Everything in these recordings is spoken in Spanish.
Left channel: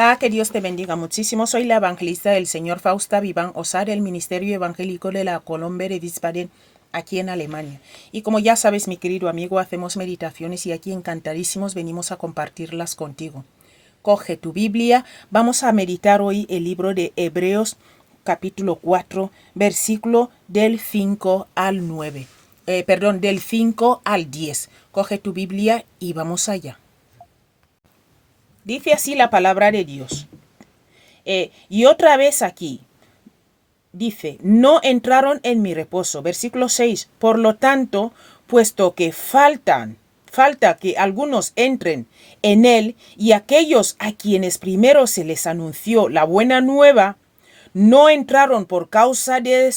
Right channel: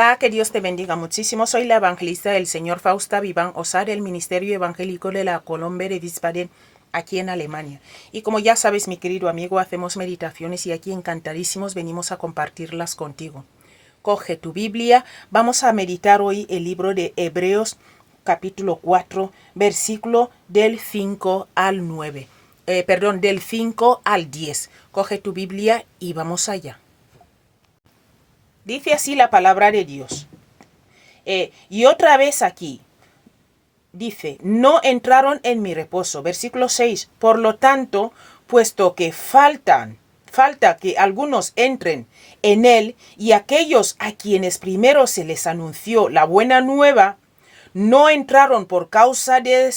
Hola, que Dios te bendiga muchísimo. Soy la evangelista del señor Fausta Vivan Osar, del Ministerio Evangélico de la Colombia de Wiesbaden, aquí en Alemania. Y como ya sabes, mi querido amigo, hacemos meditaciones y aquí encantadísimos venimos a compartirlas contigo. Coge tu Biblia, vamos a meditar hoy el libro de Hebreos, capítulo 4, versículo del 5 al 9. Del 5 al 10. Coge tu Biblia y vamos allá. Dice así la palabra de Dios. Y otra vez aquí, dice, no entraron en mi reposo. Versículo 6. Por lo tanto, puesto que falta que algunos entren en él, y aquellos a quienes primero se les anunció la buena nueva, no entraron por causa de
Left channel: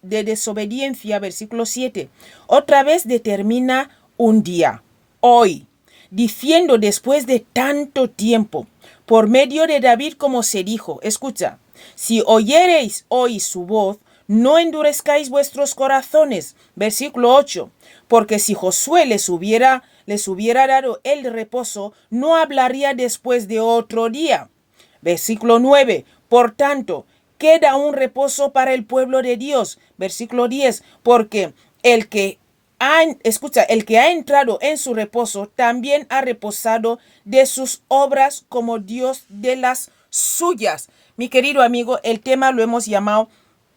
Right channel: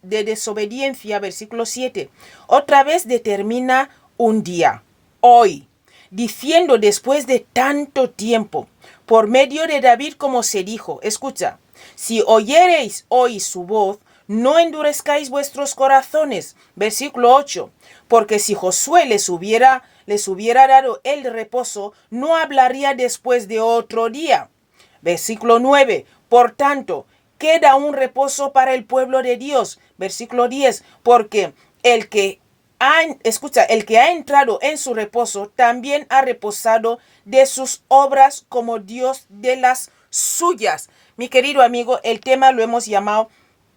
desobediencia. Versículo 7. Otra vez determina un día, hoy, diciendo después de tanto tiempo, por medio de David, como se dijo, escucha, si oyereis hoy su voz, no endurezcáis vuestros corazones. Versículo 8, porque si Josué les hubiera dado el reposo, no hablaría después de otro día. Versículo 9, por tanto, queda un reposo para el pueblo de Dios. Versículo 10, porque el que ha entrado en su reposo también ha reposado de sus obras como Dios de las suyas. Mi querido amigo, el tema lo hemos llamado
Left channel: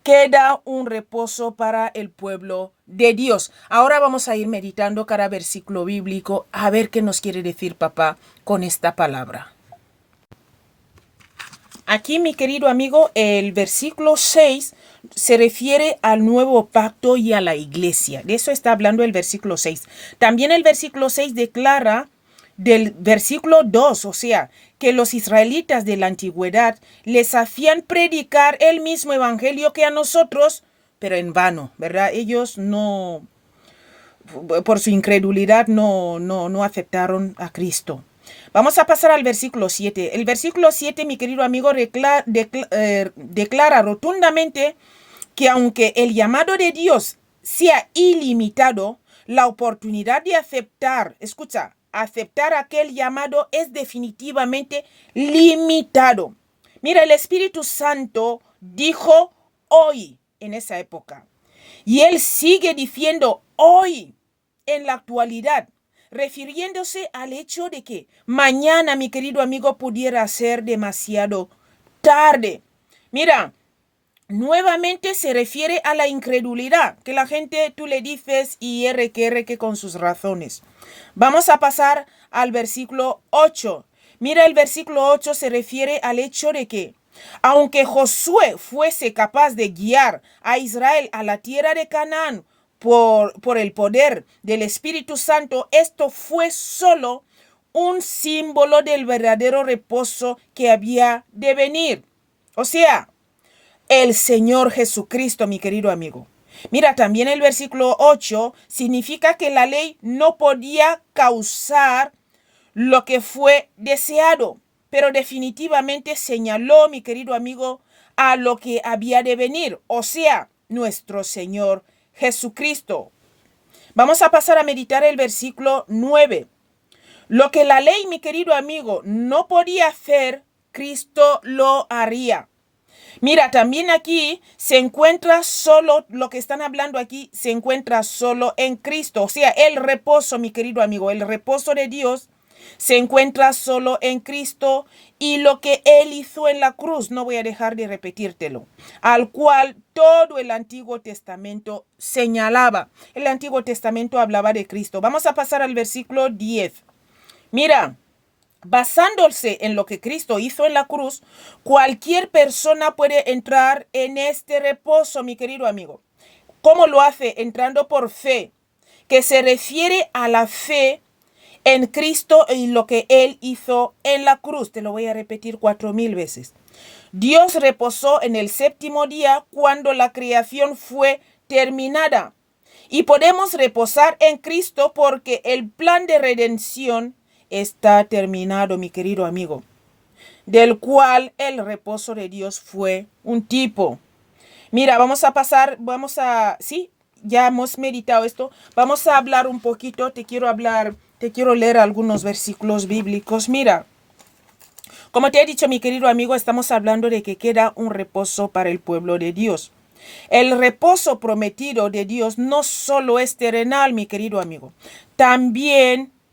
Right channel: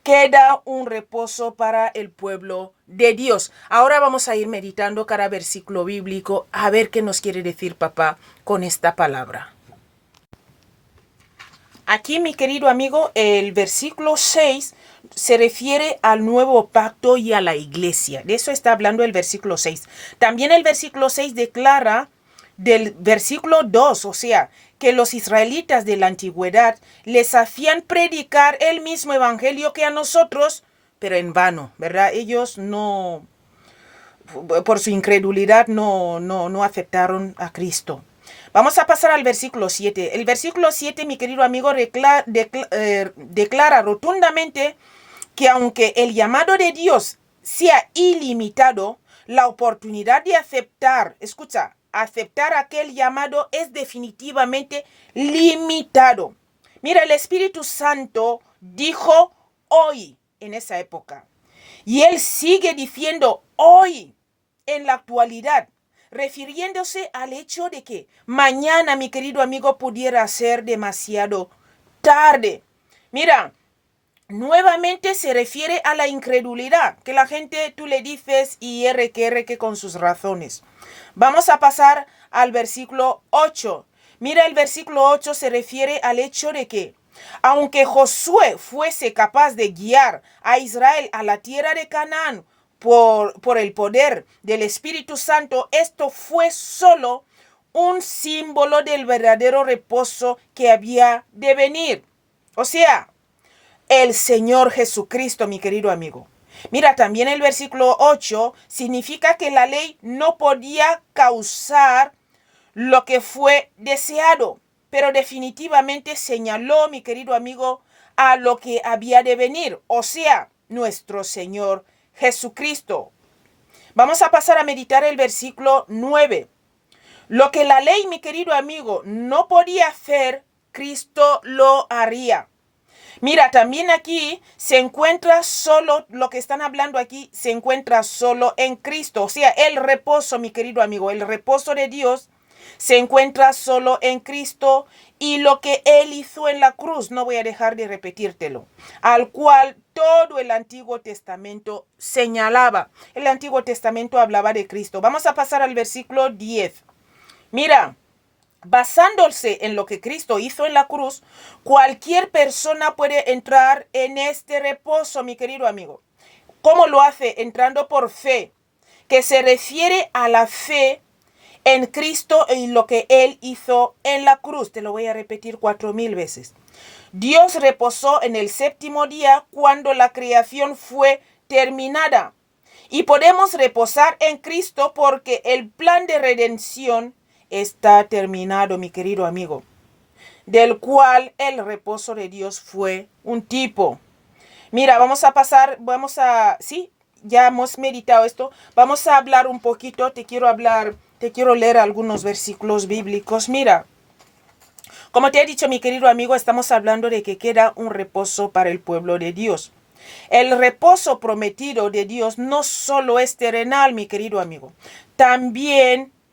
queda un reposo para el pueblo de Dios. Ahora vamos a ir meditando cada versículo bíblico a ver qué nos quiere decir papá con esta palabra. Aquí, mi querido amigo, el versículo 6 se refiere al nuevo pacto y a la iglesia. De eso está hablando el versículo 6. También el versículo 6 declara del versículo 2, o sea, que los israelitas de la antigüedad les hacían predicar el mismo evangelio que a nosotros, pero en vano, ¿verdad? Ellos no, por su incredulidad, no aceptaron a Cristo. Vamos a pasar al versículo 7. El versículo 7, mi querido amigo, declara rotundamente que aunque el llamado de Dios sea ilimitado, la oportunidad de aceptar aquel llamado es definitivamente limitado. Mira, el Espíritu Santo dijo hoy en esa época. Y Él sigue diciendo hoy en la actualidad, refiriéndose al hecho de que mañana, mi querido amigo, pudiera ser demasiado tarde. Mira, nuevamente se refiere a la incredulidad, que la gente tú le dices y que con sus razones. Vamos a pasar al versículo 8. Mira, el versículo 8 se refiere al hecho de que aunque Josué fuese capaz de guiar a Israel a la tierra de Canaán por el poder del Espíritu Santo, esto fue solo un símbolo del verdadero reposo que había de venir. O sea, el Señor Jesucristo, mi querido amigo. Mira, también el versículo 8 significa que la ley no podía causar lo que fue deseado, pero definitivamente señaló, mi querido amigo, a lo que había de venir, o sea, nuestro Señor Jesucristo. Vamos a pasar a meditar el versículo 9. Lo que la ley, mi querido amigo, no podía hacer, Cristo lo haría. Mira, también aquí se encuentra solo, lo que están hablando aquí, se encuentra solo en Cristo. O sea, el reposo, mi querido amigo, el reposo de Dios se encuentra solo en Cristo y lo que Él hizo en la cruz, no voy a dejar de repetírtelo, al cual todo el Antiguo Testamento señalaba. El Antiguo Testamento hablaba de Cristo. Vamos a pasar al versículo 10. Mira, basándose en lo que Cristo hizo en la cruz, cualquier persona puede entrar en este reposo, mi querido amigo. ¿Cómo lo hace? Entrando por fe, que se refiere a la fe en Cristo y lo que Él hizo en la cruz. Te lo voy a repetir 4000 veces. Dios reposó en el séptimo día cuando la creación fue terminada. Y podemos reposar en Cristo porque el plan de redención está terminado, mi querido amigo, del cual el reposo de Dios fue un tipo. Mira, ya hemos meditado esto. Vamos a hablar un poquito, te quiero leer algunos versículos bíblicos. Mira, Como te he dicho, mi querido amigo, estamos hablando de que queda un reposo para el pueblo de Dios. El reposo prometido de Dios no solo es terrenal, mi querido amigo,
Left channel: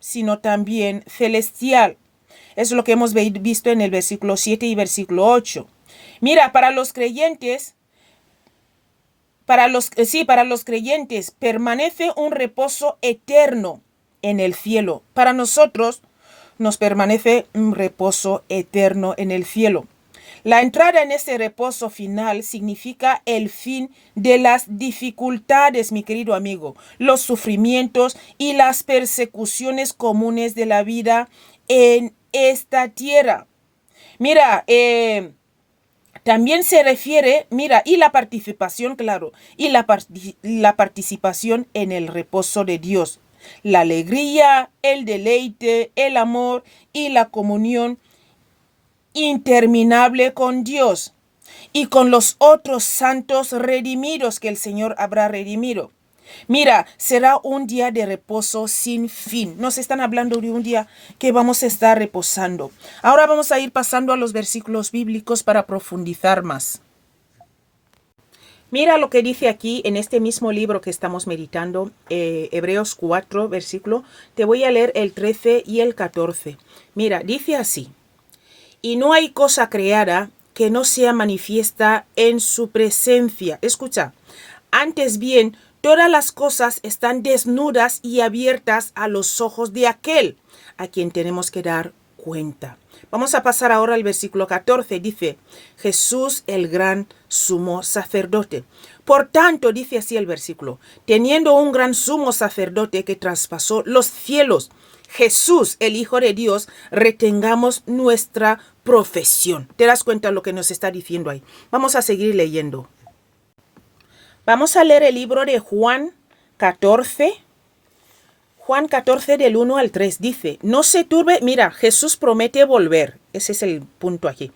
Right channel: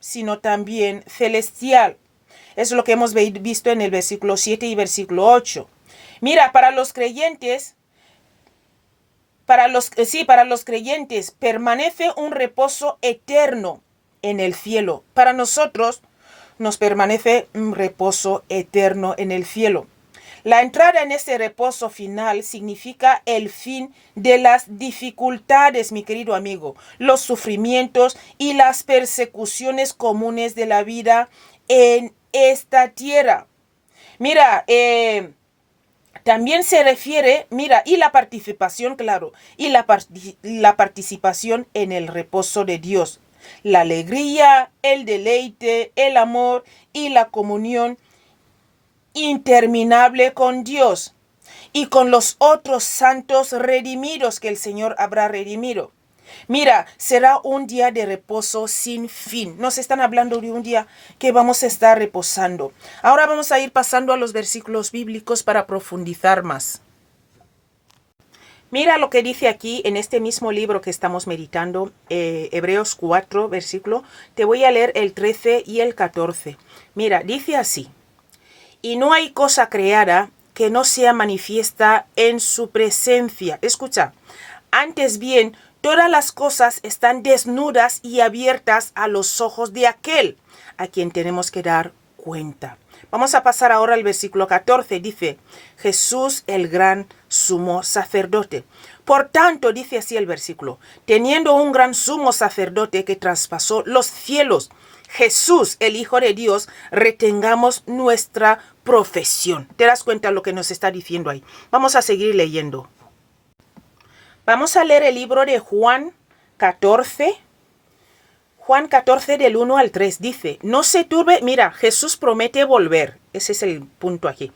sino también celestial. Es lo que hemos visto en el versículo 7 y versículo 8. Mira, para los creyentes permanece un reposo eterno en el cielo. Para nosotros nos permanece un reposo eterno en el cielo. La entrada en ese reposo final significa el fin de las dificultades, mi querido amigo, los sufrimientos y las persecuciones comunes de la vida en esta tierra. Mira, también se refiere, y la participación, claro, y la participación en el reposo de Dios. La alegría, el deleite, el amor y la comunión interminable con Dios y con los otros santos redimidos que el Señor habrá redimido. Mira, será un día de reposo sin fin. Nos están hablando de un día que vamos a estar reposando. Ahora vamos a ir pasando a los versículos bíblicos para profundizar más. Mira lo que dice aquí en este mismo libro que estamos meditando, Hebreos 4, versículo. Te voy a leer el 13 y el 14. Mira, dice así. Y no hay cosa creada que no sea manifiesta en su presencia. Escucha, antes bien, todas las cosas están desnudas y abiertas a los ojos de aquel a quien tenemos que dar cuenta. Vamos a pasar ahora al versículo 14. Dice, Jesús el gran sumo sacerdote. Por tanto, dice así el versículo, teniendo un gran sumo sacerdote que traspasó los cielos, Jesús, el Hijo de Dios, retengamos nuestra profesión. ¿Te das cuenta lo que nos está diciendo ahí? Vamos a seguir leyendo. Vamos a leer el libro de Juan 14. Juan 14 del 1 al 3 dice, no se turbe, mira, Jesús promete volver. Ese es el punto aquí.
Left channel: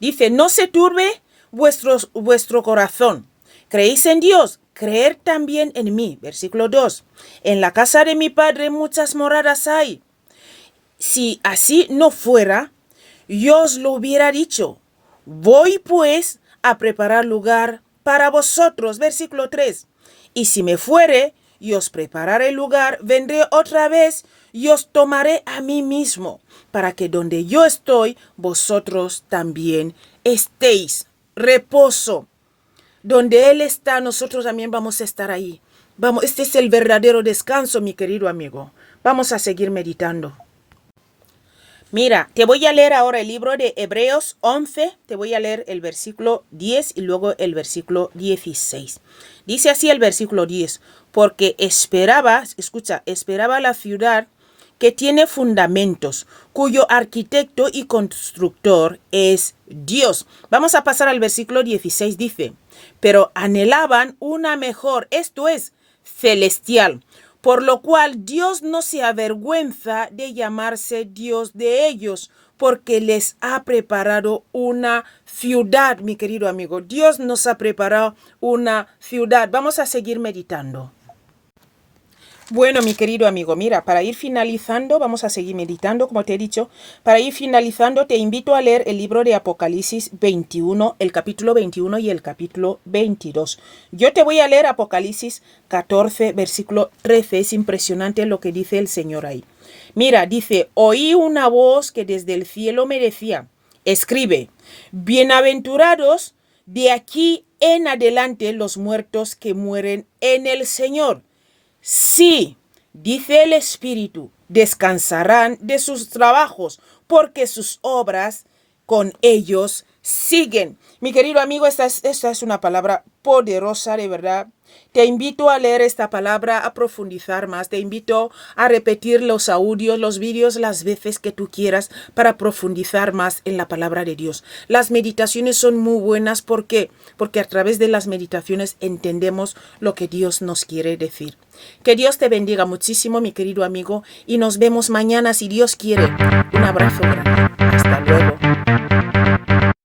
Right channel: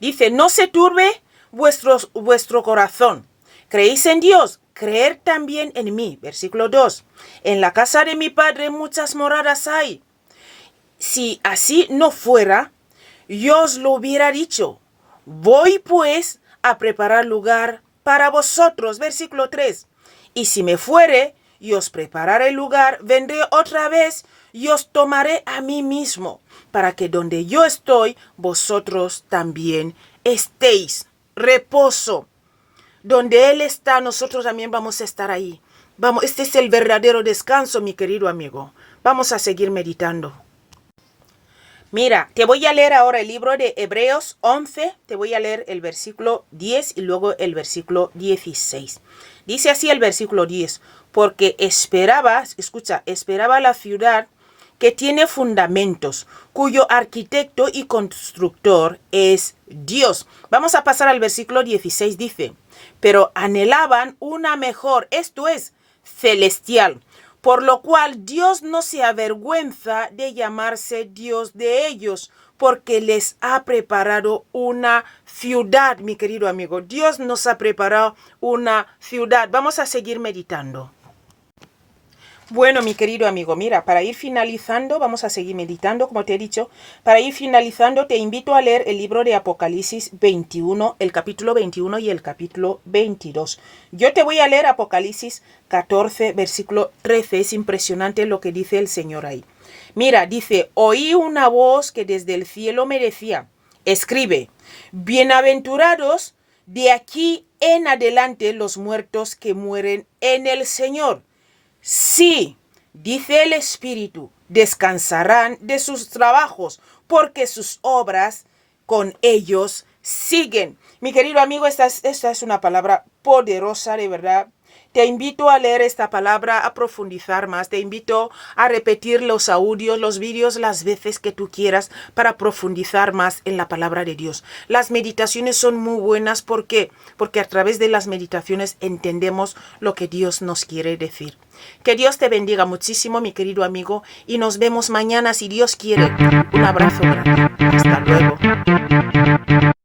Dice, no se turbe vuestro corazón. ¿Creéis en Dios? Creer también en mí. Versículo 2. En la casa de mi Padre muchas moradas hay. Si así no fuera, yo os lo hubiera dicho. Voy pues a preparar lugar para vosotros. Versículo 3. Y si me fuere y os prepararé lugar, vendré otra vez y os tomaré a mí mismo, para que donde yo estoy, vosotros también estéis. Reposo. Donde Él está, nosotros también vamos a estar ahí. Vamos, este es el verdadero descanso, mi querido amigo. Vamos a seguir meditando. Mira, te voy a leer ahora el libro de Hebreos 11. Te voy a leer el versículo 10 y luego el versículo 16. Dice así el versículo 10. Porque esperaba la ciudad que tiene fundamentos, cuyo arquitecto y constructor es Dios. Vamos a pasar al versículo 16, dice, pero anhelaban una mejor, esto es, celestial, por lo cual Dios no se avergüenza de llamarse Dios de ellos, porque les ha preparado una ciudad, mi querido amigo. Dios nos ha preparado una ciudad. Vamos a seguir meditando. Bueno, mi querido amigo, mira, para ir finalizando, vamos a seguir meditando, como te he dicho. Para ir finalizando, te invito a leer el libro de Apocalipsis 21, el capítulo 21 y el capítulo 22. Yo te voy a leer Apocalipsis 14, versículo 13. Es impresionante lo que dice el Señor ahí. Mira, dice, oí una voz que desde el cielo me decía, escribe, bienaventurados de aquí en adelante los muertos que mueren en el Señor. Sí, dice el Espíritu, descansarán de sus trabajos, porque sus obras con ellos siguen. Mi querido amigo, esta es una palabra poderosa, de verdad. Te invito a leer esta palabra, a profundizar más. Te invito a repetir los audios, los vídeos las veces que tú quieras para profundizar más en la palabra de Dios. Las meditaciones son muy buenas. ¿Por qué? Porque a través de las meditaciones entendemos lo que Dios nos quiere decir. Que Dios te bendiga muchísimo, mi querido amigo, y nos vemos mañana si Dios quiere. Un abrazo grande. Hasta luego.